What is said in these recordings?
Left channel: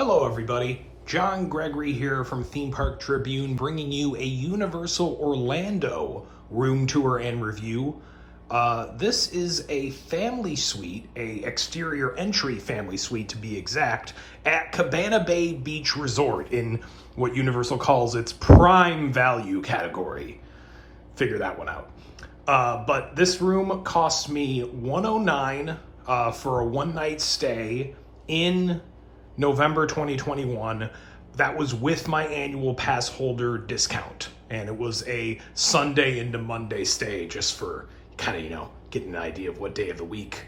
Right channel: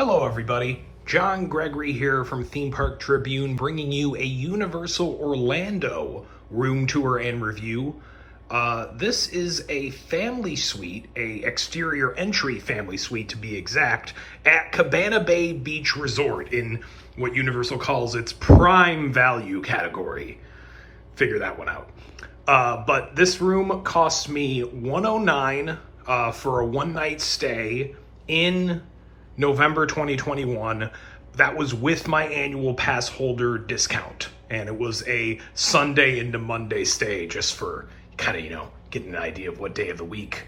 Hello everybody, John Gregory here from Theme Park Tribune bringing you a Universal Orlando room tour and review. This is a family suite, a exterior entry family suite to be exact, at Cabana Bay Beach Resort in what Universal calls its prime value category. Figure that one out. But this room cost me $109 for a one-night stay in November 2021. That was with my annual pass holder discount, and it was a Sunday into Monday stay, just for kind of, getting an idea of what day of the week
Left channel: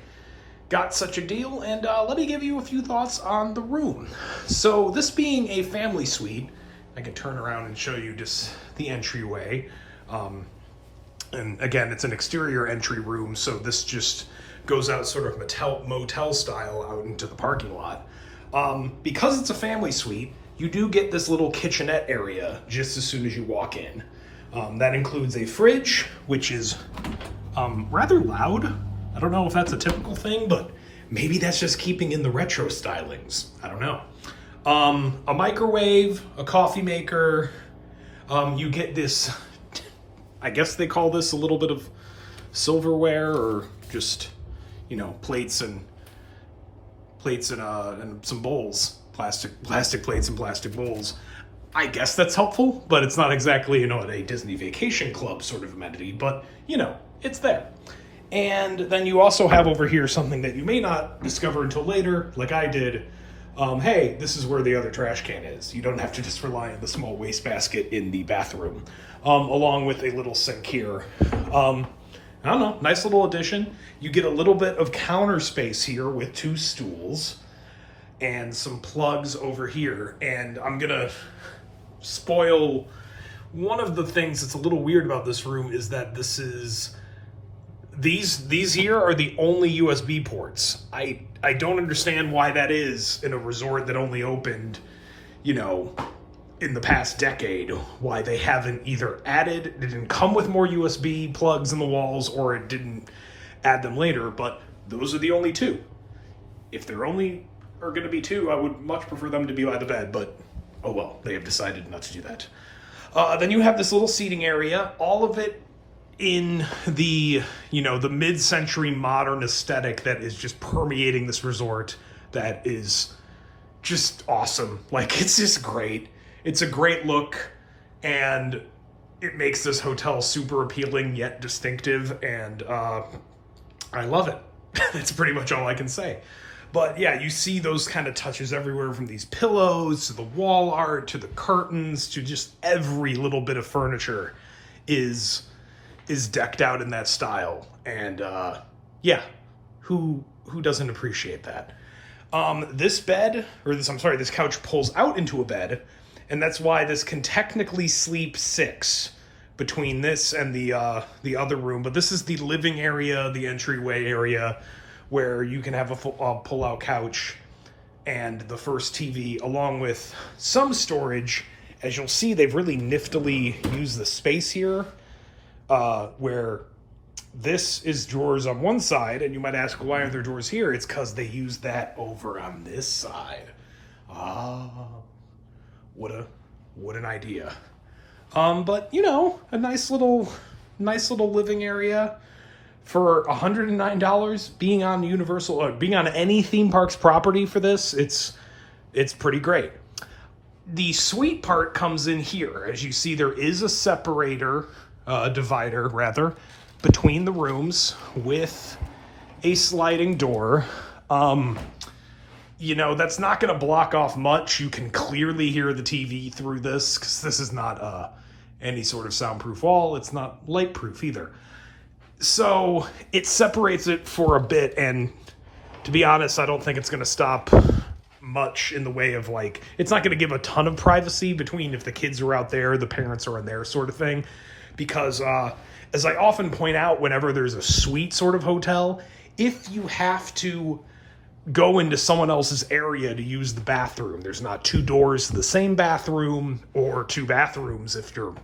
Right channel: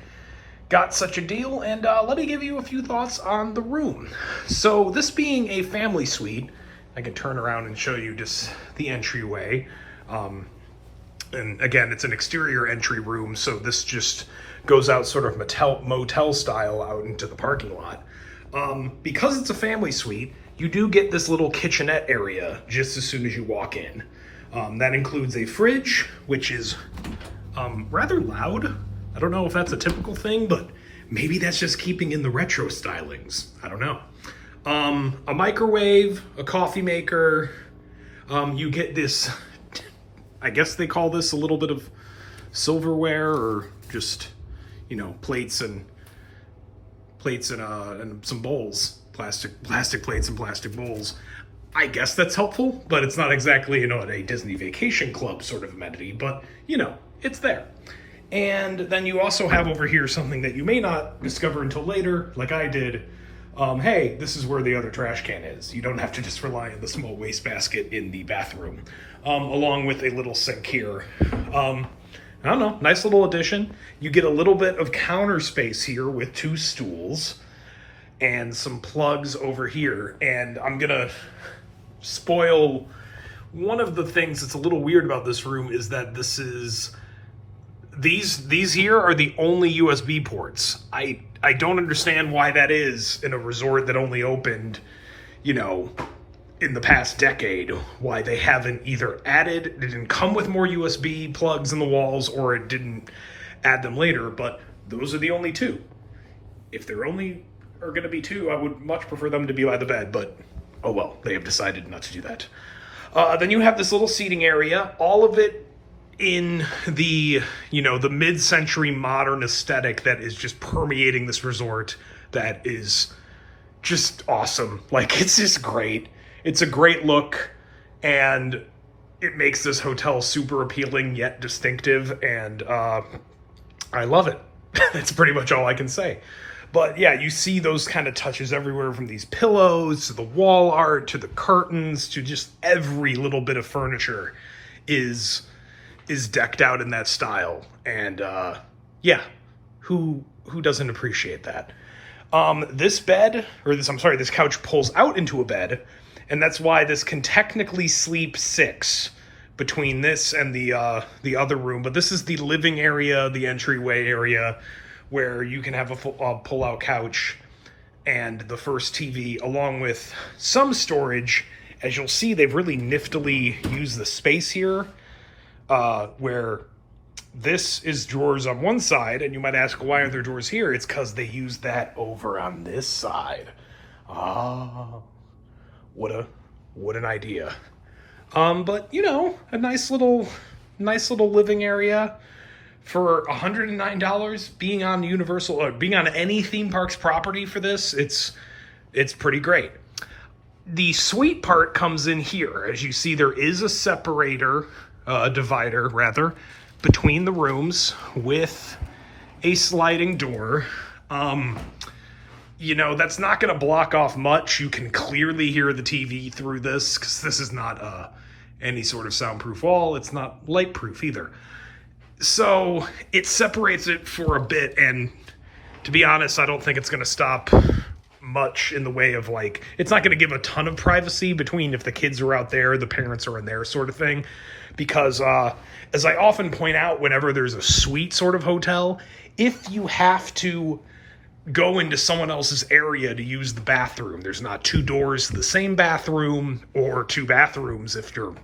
got such a deal. And let me give you a few thoughts on the room. So this being a family suite, I can turn around and show you just the entryway. And again, it's an exterior entry room, so this just goes out sort of motel style out into the parking lot. Because it's a family suite, you do get this little kitchenette area just as soon as you walk in. That includes a fridge, which is rather loud. I don't know if that's a typical thing, but maybe that's just keeping in the retro stylings. I don't know. A microwave, a coffee maker. You get this, I guess they call this a little bit of silverware, or just, plates and some bowls, plastic plates and plastic bowls. I guess that's helpful, but it's not exactly, a Disney Vacation Club sort of amenity, but, it's there. And then you also have over here something that you may not discover until later, like I did. Hey, this is where the other trash can is. You don't have to just rely on the small wastebasket in the bathroom, along with a little sink here. I don't know, nice little addition. You get a little bit of counter space here with two stools and some plugs over here. And I'm gonna spoil one of the things that's a little weird about this room is that these here are the only USB ports. I don't understand why that is in a resort that only opened, in the past decade, why they haven't either it didn't come with more USB plugs in the walls, or it didn't add them later, but those are the only two. If there only are going to be two, I would much prefer them to be by the bed, but oh well, they have decided not to do that. Then you have this little seating area, all of it in the, the mid-century modern aesthetic that is just permeating this resort. That is just awesome. Like, it's just great. It's a great look, and it makes this hotel super appealing yet distinctive, and I love it. That's pretty much all I can say. But yeah, you see those kind of touches everywhere, from these pillows to the wall art to the curtains to just every little bit of furniture is decked out in that style. And yeah, who doesn't appreciate that? This couch pulls out into a bed. And that's why this can technically sleep six between this and the other room. But this is the living area, the entryway area, where you can have a pull-out couch and the first TV, along with some storage. As you'll see, they've really niftily used the space here, where this is drawers on one side. And you might ask, why aren't there drawers here? It's because they used that over on this side. What an idea. But a nice little living area for $109 being on Universal, or being on any theme park's property for this. It's pretty great. The suite part comes in here. As you see, there is a divider rather, between the rooms with a sliding door. That's not going to block off much. You can clearly hear the TV through this, because this is not any sort of soundproof wall. It's not light-proof either. So it separates it for a bit, and to be honest, I don't think it's going to stop much in the way of, it's not going to give a ton of privacy between if the kids are out there, the parents are in there, sort of thing. Because as I often point out whenever there's a suite sort of hotel, if you have to go into someone else's area to use the bathroom, there's not two doors to the same bathroom, or two bathrooms if you're,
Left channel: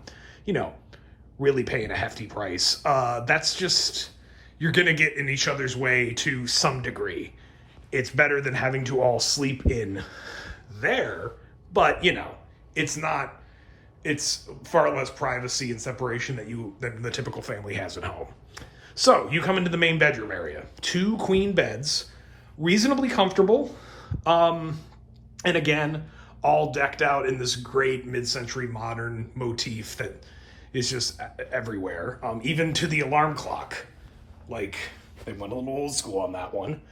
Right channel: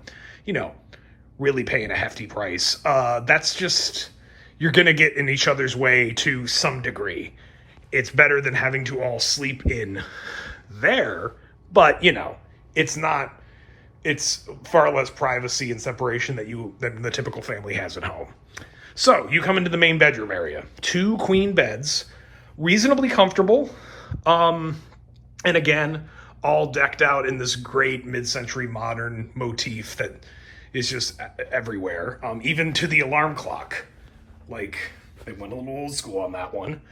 really paying a hefty price. That's just, you're going to get in each other's way to some degree. It's better than having to all sleep in there, but it's not. It's far less privacy and separation than the typical family has at home. So you come into the main bedroom area. 2 queen beds, reasonably comfortable, and again, all decked out in this great mid-century modern motif that is just everywhere, even to the alarm clock. Like, they went a little old school on that one.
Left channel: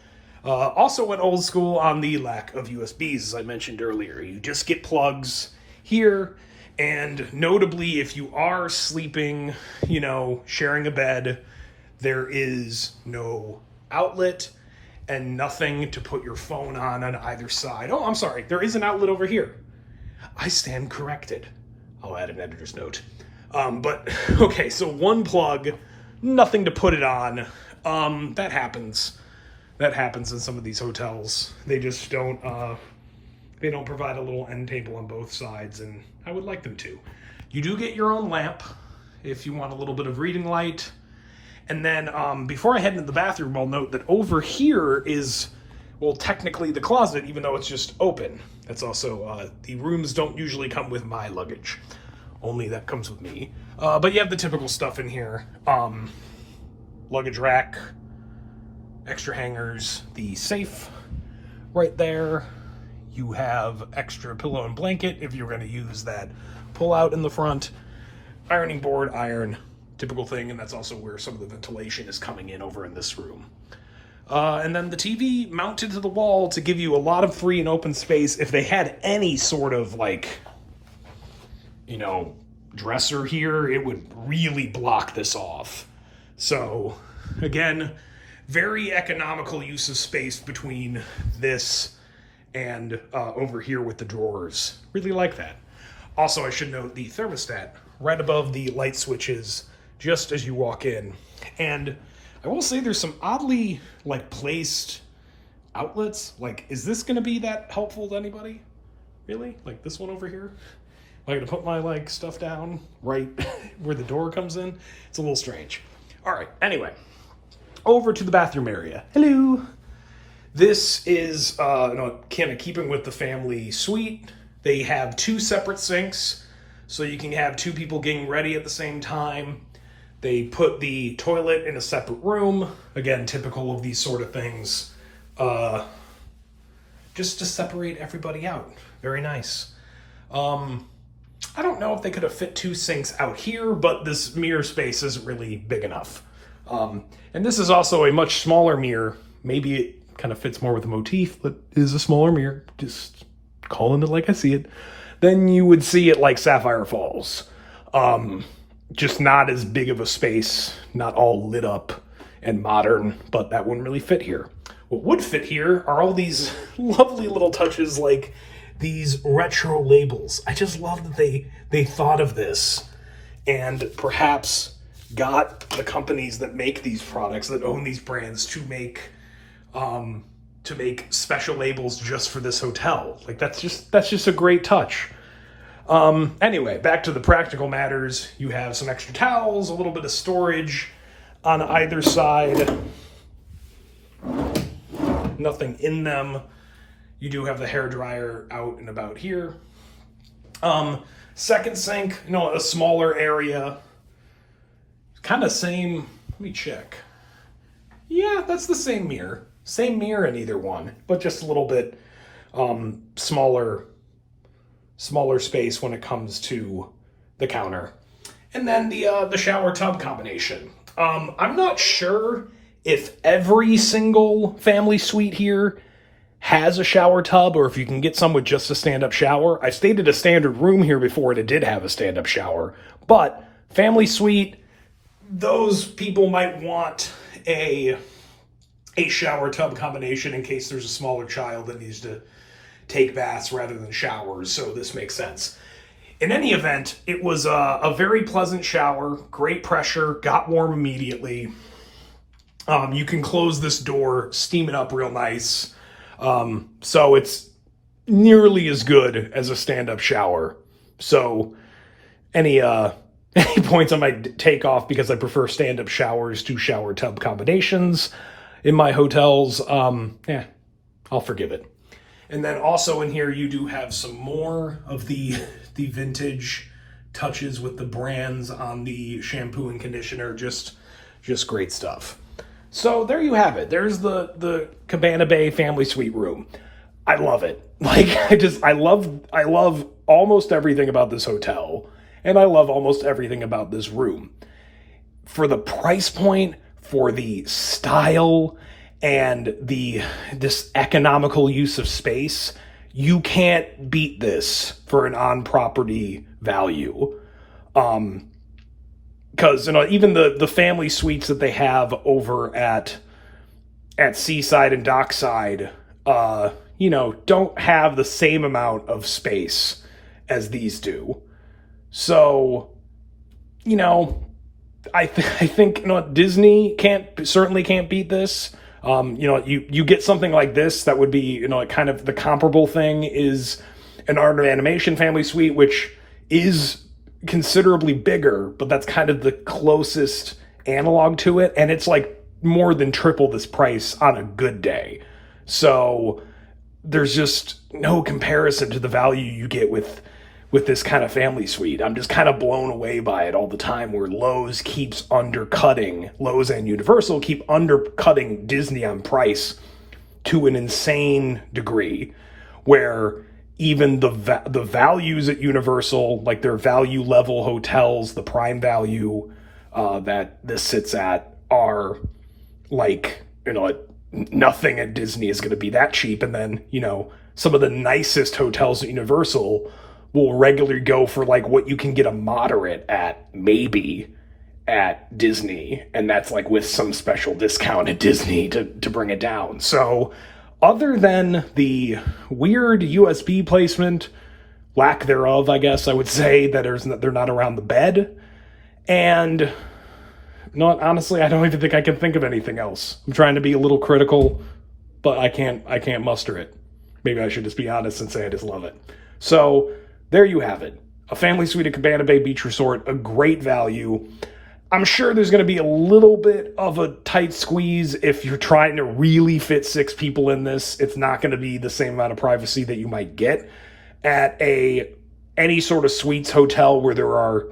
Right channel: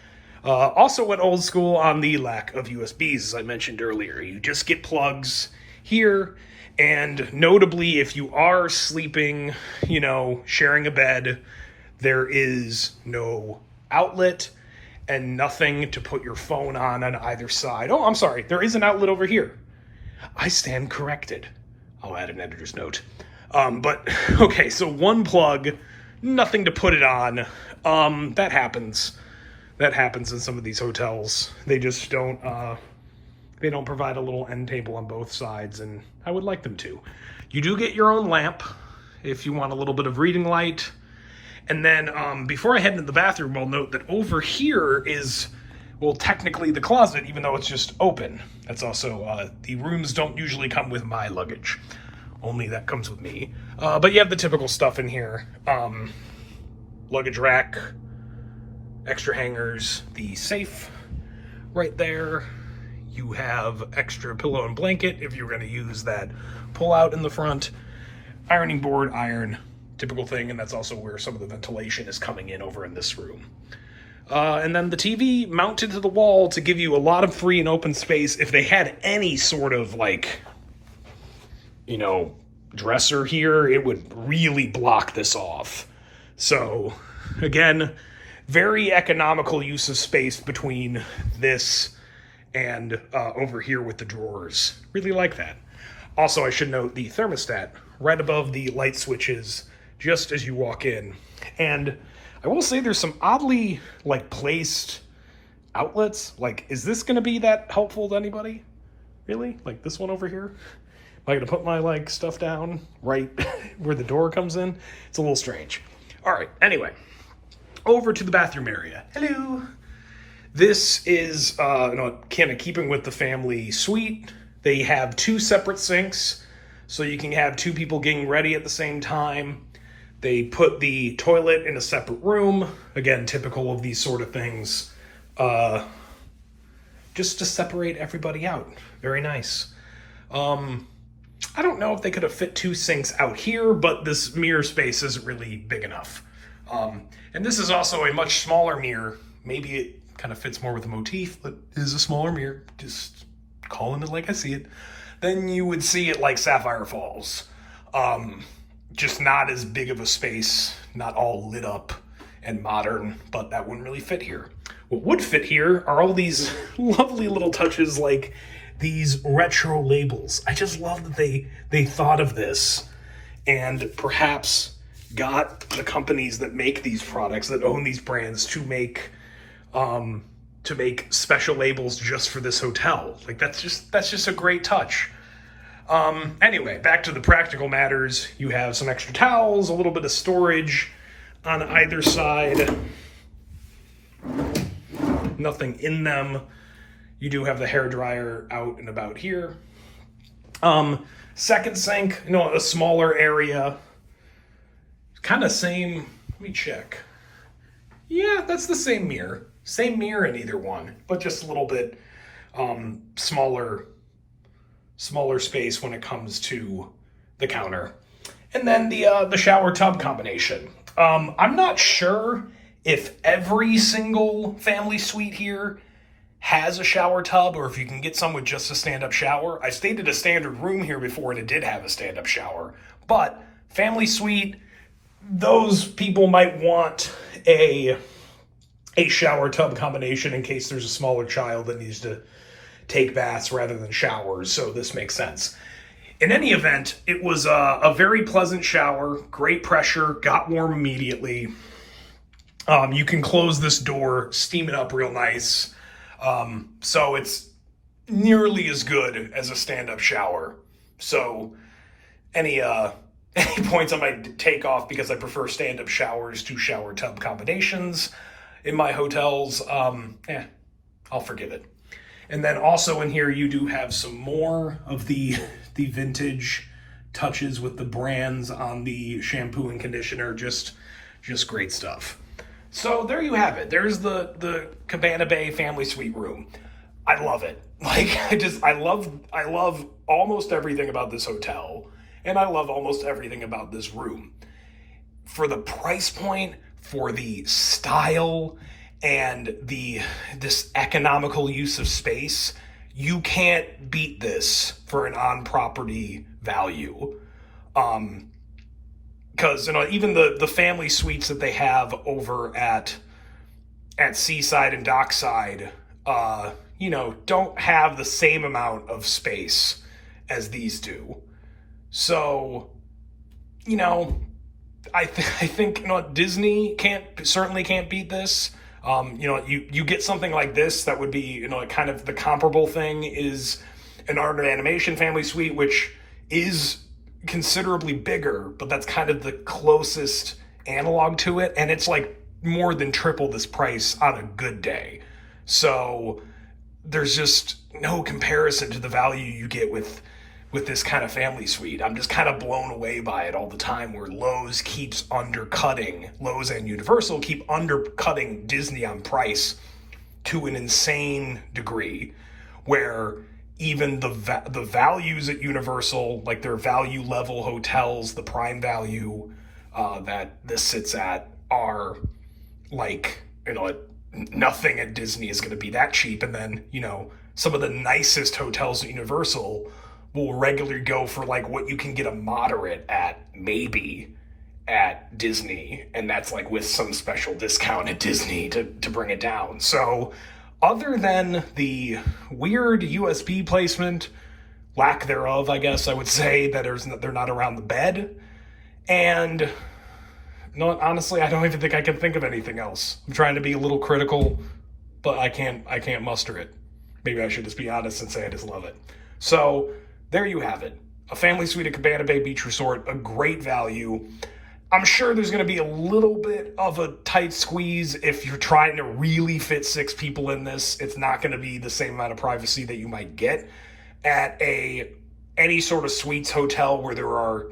Also went old school on the lack of USBs, as I mentioned earlier. You just get plugs here, and notably, if you are sleeping, sharing a bed, there is no outlet and nothing to put your phone on either side. Oh, I'm sorry, there is an outlet over here. I stand corrected. I'll add an editor's note. But, okay, so 1 plug, nothing to put it on. That happens. That happens in some of these hotels. They just don't provide a little end table on both sides, and I would like them to. You do get your own lamp if you want a little bit of reading light. And then before I head into the bathroom, I'll note that over here is, well, technically the closet, even though it's just open. That's also, the rooms don't usually come with my luggage. Only that comes with me. But you have the typical stuff in here. Luggage rack, extra hangers, the safe right there. You have extra pillow and blanket if you're going to use that pull out in the front. Ironing board, iron, typical thing, and that's also where some of the ventilation is coming in over in this room. And then the TV mounted to the wall to give you a lot of free and open space. If they had any sort of dresser here, it would really block this off. So again, very economical use of space between this and over here with the drawers. Really like that. Also, I should note the thermostat right above the light switches just as you walk in. And I will say there's some oddly placed outlets. Is this going to be that helpful to anybody? Really? Like this one over here? Am I going to put my stuff down right where the door comes in? It's a little strange. All right, anyway, over to the bathroom area. Hello. This is kind of keeping with the family suite. They have 2 separate sinks, so you can have 2 people getting ready at the same time. They put the toilet in a separate room. Again, typical of these sort of things. Just to separate everybody out. Very nice. I don't know if they could have fit 2 sinks out here, but this mirror space isn't really big enough. And this is also a much smaller mirror. Maybe it kind of fits more with the motif, but it is a smaller mirror. Just calling it like I see it. Then you would see it Sapphire Falls. Just not as big of a space, not all lit up and modern, but that wouldn't really fit here. What would fit here are all these lovely little touches like these retro labels. I just love that they thought of this and perhaps got the companies that make these products, that own these brands, to make special labels just for this hotel. That's just a great touch. Anyway, back to the practical matters. You have some extra towels, a little bit of storage on either side. Nothing in them. You do have the hairdryer out and about here. Second sink, a smaller area. Kind of same, let me check. Yeah, that's the same mirror. Same mirror in either one, but just a little bit smaller space when it comes to the counter. And then the shower tub combination. I'm not sure if every single family suite here has a shower tub or if you can get some with just a stand-up shower. I stayed at a standard room here before and it did have a stand-up shower. But family suite, those people might want a shower tub combination in case there's a smaller child that needs to take baths rather than showers, so this makes sense. In any event, it was a very pleasant shower, great pressure, got warm immediately. You can close this door, steam it up real nice. So it's nearly as good as a stand-up shower. So any points I might take off because I prefer stand-up showers to shower tub combinations in my hotels, I'll forgive it. And then also in here, you do have some more of the vintage touches with the brands on the shampoo and conditioner. Just great stuff. So there you have it. There's the Cabana Bay family suite room. I love it. Like, I love almost everything about this hotel, and I love almost everything about this room. For the price point, for the style, and this economical use of space, you can't beat this for an on-property value. Because even the family suites that they have over at Seaside and Dockside, don't have the same amount of space as these do. So, I think Disney certainly can't beat this. You get something like this that would be, kind of the comparable thing is an art and animation family suite, which is considerably bigger, but that's kind of the closest analog to it, and it's like more than triple this price on a good day. So there's just no comparison to the value you get with this kind of family suite. I'm just kind of blown away by it all the time, where Lowe's and Universal keep undercutting Disney on price to an insane degree, where even the values at Universal, like their value level hotels, the prime value that this sits at, are like, nothing at Disney is going to be that cheap. And then, some of the nicest hotels at Universal will regularly go for like what you can get a moderate at, maybe, at Disney. And that's like with some special discount at Disney to bring it down. So other than the weird USB placement, lack thereof, I guess I would say, that they're not around the bed, and honestly, I don't even think I can think of anything else. I'm trying to be a little critical, but I can't muster it. Maybe I should just be honest and say I just love it. So there you have it. A family suite at Cabana Bay Beach Resort, a great value. I'm sure there's going to be a little bit of a tight squeeze if you're trying to really fit 6 people in this. It's not going to be the same amount of privacy that you might get at any sort of suites hotel where there are,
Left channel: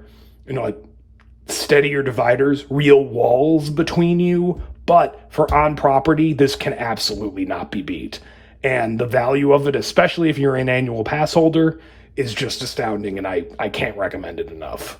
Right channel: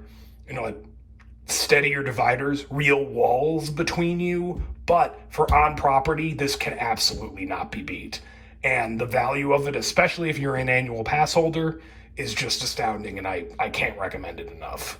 steadier dividers, real walls between you. But for on property, this can absolutely not be beat. And the value of it, especially if you're an annual pass holder, is just astounding, and I can't recommend it enough.